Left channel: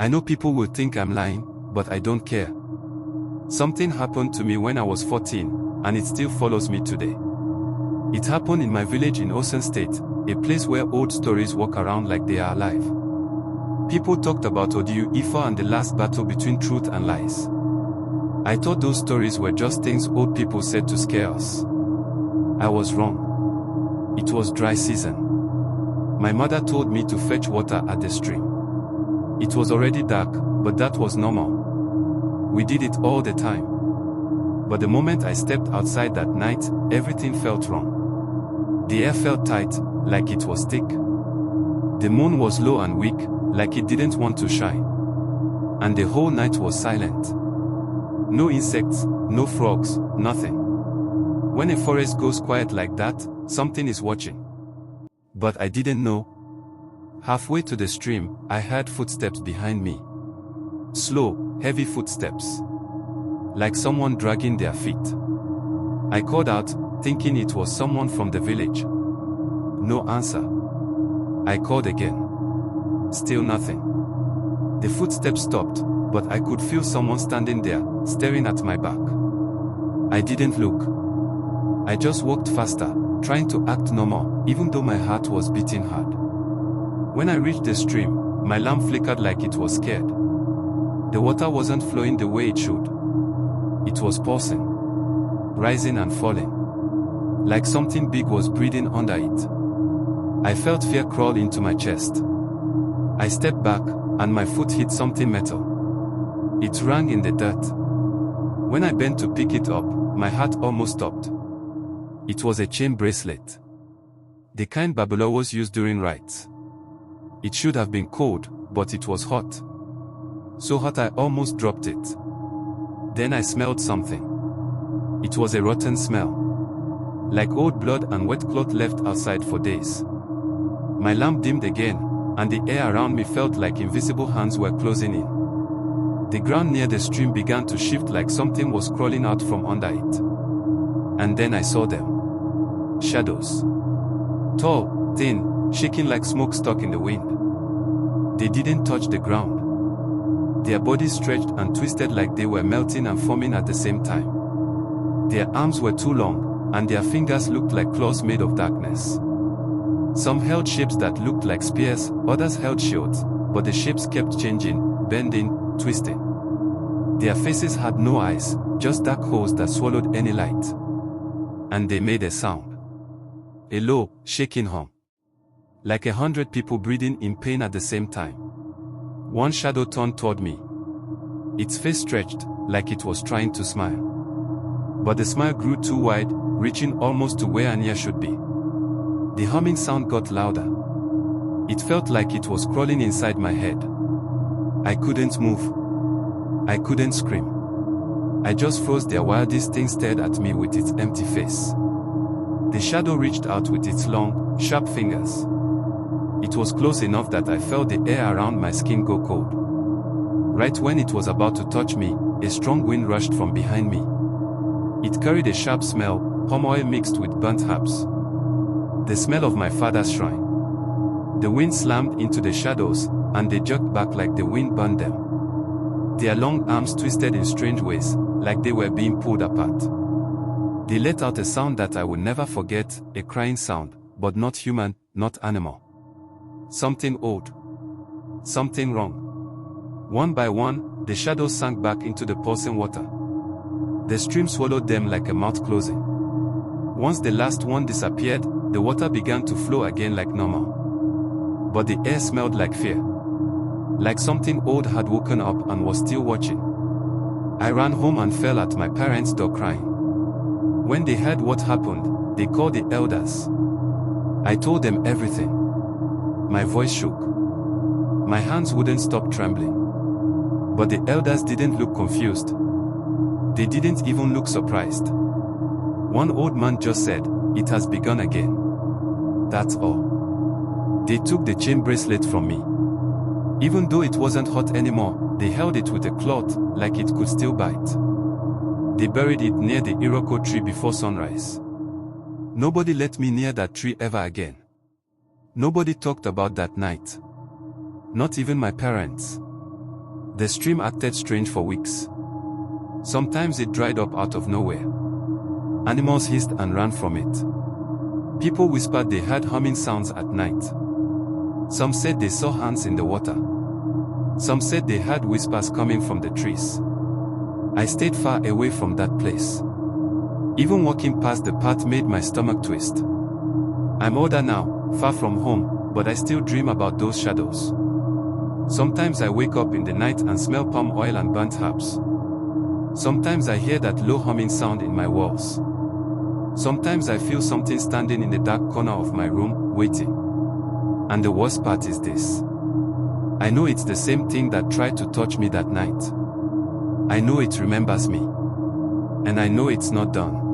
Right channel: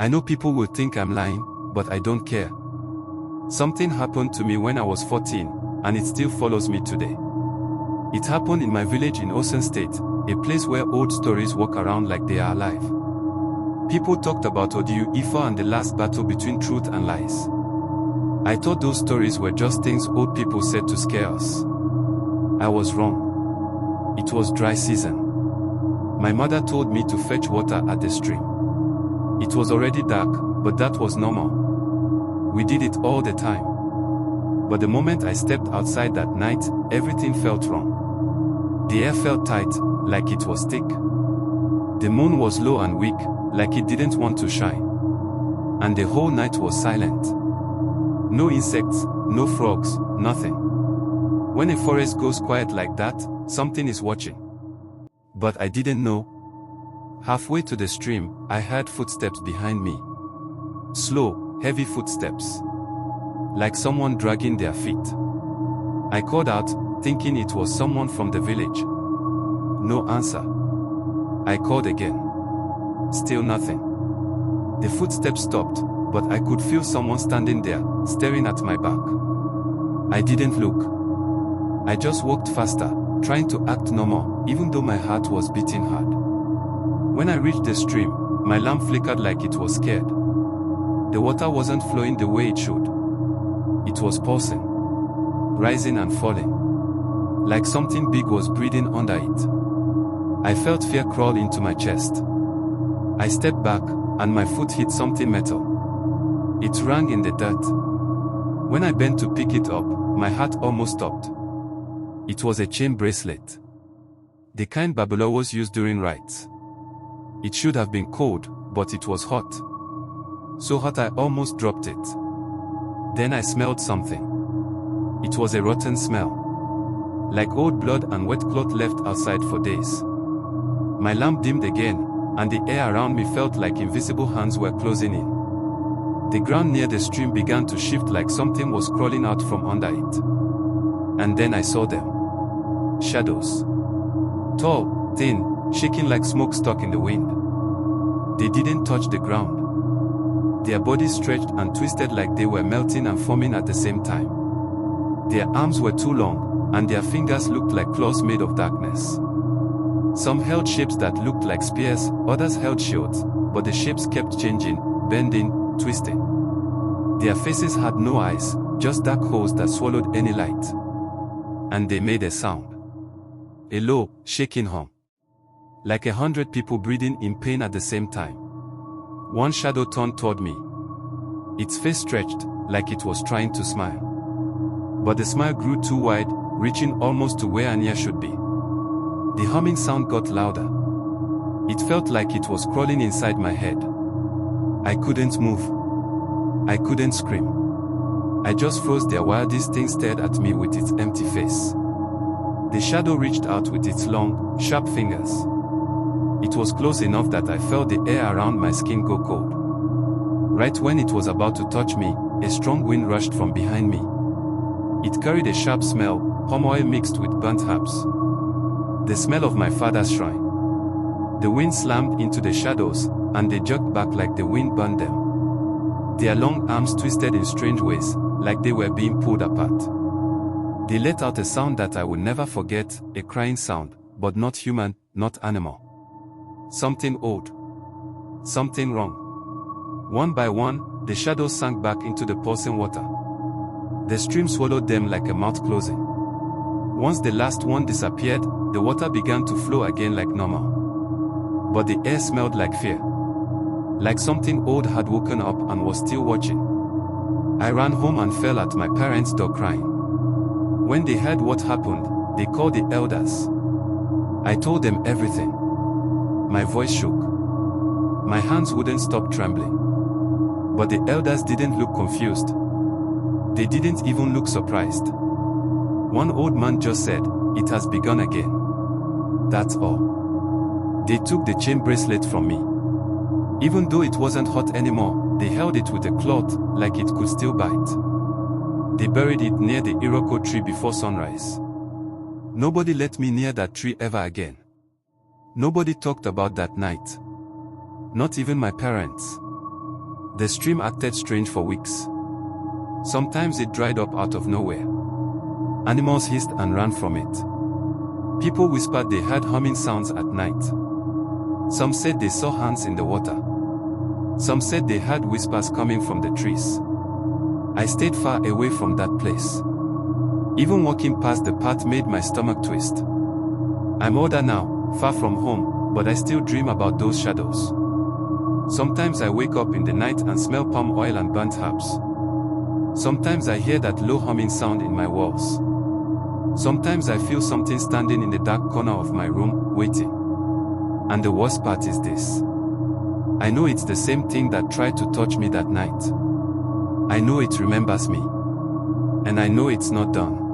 I know people will think I'm lying, but I don't care. Something happened to me when I was 14, and it still follows me today. It happened in my village in Osun State, a place where old stories walk around like they are alive. People talked about Odiyu Ifa and the last battle between truth and lies. I thought those stories were just things old people said to scare us. I was wrong. It was dry season. My mother told me to fetch water at the stream. It was already dark, but that was normal. We did it all the time. But the moment I stepped outside that night, everything felt wrong. The air felt tight, like it was thick. The moon was low and weak, like it didn't want to shine. And the whole night was silent. No insects, no frogs, nothing. When a forest goes quiet like that, something is watching. But I didn't know. Halfway to the stream, I heard footsteps behind me. Slow, heavy footsteps. Like someone dragging their feet. I called out, thinking it was someone from the village. No answer. I called again. Still nothing. The footsteps stopped, but I could feel someone standing there, staring at my back. I didn't look. I just walked faster, trying to act normal, even though my heart was beating hard. When I reached the stream, my lamp flickered like it was scared. The water wasn't flowing the way it should. It was pulsing, rising and falling. Like something big was breathing under it. I felt fear crawl into my chest. I stepped back, and my foot hit something metal. It rang in the dirt. When I bent to pick it up, my heart almost stopped. It was a chain bracelet. The kind Babalawo's used during rites. It should have been cold, but it was hot. So hot I almost dropped it. Then I smelled something. It was a rotten smell. Like old blood and wet cloth left outside for days. My lamp dimmed again, and the air around me felt like invisible hands were closing in. The ground near the stream began to shift like something was crawling out from under it. And then I saw them. Shadows. Tall, thin, shaking like smokestack in the wind. They didn't touch the ground. Their bodies stretched and twisted like they were melting and forming at the same time. Their arms were too long, and their fingers looked like claws made of darkness. Some held shapes that looked like spears, others held shields, but the shapes kept changing, bending, twisting. Their faces had no eyes, just dark holes that swallowed any light. And they made a sound. A low, shaking hum. Like 100 people breathing in pain at the same time. One shadow turned toward me. Its face stretched, like it was trying to smile. But the smile grew too wide, reaching almost to where an ear should be. The humming sound got louder. It felt like it was crawling inside my head. I couldn't move. I couldn't scream. I just froze there while this thing stared at me with its empty face. The shadow reached out with its long, sharp fingers. It was close enough that I felt the air around my skin go cold. Right when it was about to touch me, a strong wind rushed from behind me. It carried a sharp smell, palm oil mixed with burnt herbs. The smell of my father's shrine. The wind slammed into the shadows, and they jerked back like the wind burned them. Their long arms twisted in strange ways, like they were being pulled apart. They let out a sound that I will never forget, a crying sound, but not human, not animal. Something old. Something wrong. One by one, the shadows sank back into the pulsing water. The stream swallowed them like a mouth closing. Once the last one disappeared, the water began to flow again like normal. But the air smelled like fear. Like something old had woken up and was still watching. I ran home and fell at my parents' door crying. When they heard what happened, they called the elders. I told them everything. My voice shook. My hands wouldn't stop trembling. But the elders didn't look confused. They didn't even look surprised. One old man just said, "It has begun again." That's all. They took the chain bracelet from me. Even though it wasn't hot anymore, they held it with a cloth, like it could still bite. They buried it near the Iroko tree before sunrise. Nobody let me near that tree ever again. Nobody talked about that night. Not even my parents. The stream acted strange for weeks. Sometimes it dried up out of nowhere. Animals hissed and ran from it. People whispered they heard humming sounds at night. Some said they saw hands in the water. Some said they heard whispers coming from the trees. I stayed far away from that place. Even walking past the path made my stomach twist. I'm older now, far from home, but I still dream about those shadows. Sometimes I wake up in the night and smell palm oil and burnt herbs. Sometimes I hear that low humming sound in my walls. Sometimes I feel something standing in the dark corner of my room, waiting. And the worst part is this. I know it's the same thing that tried to touch me that night. I know it remembers me. And I know it's not done.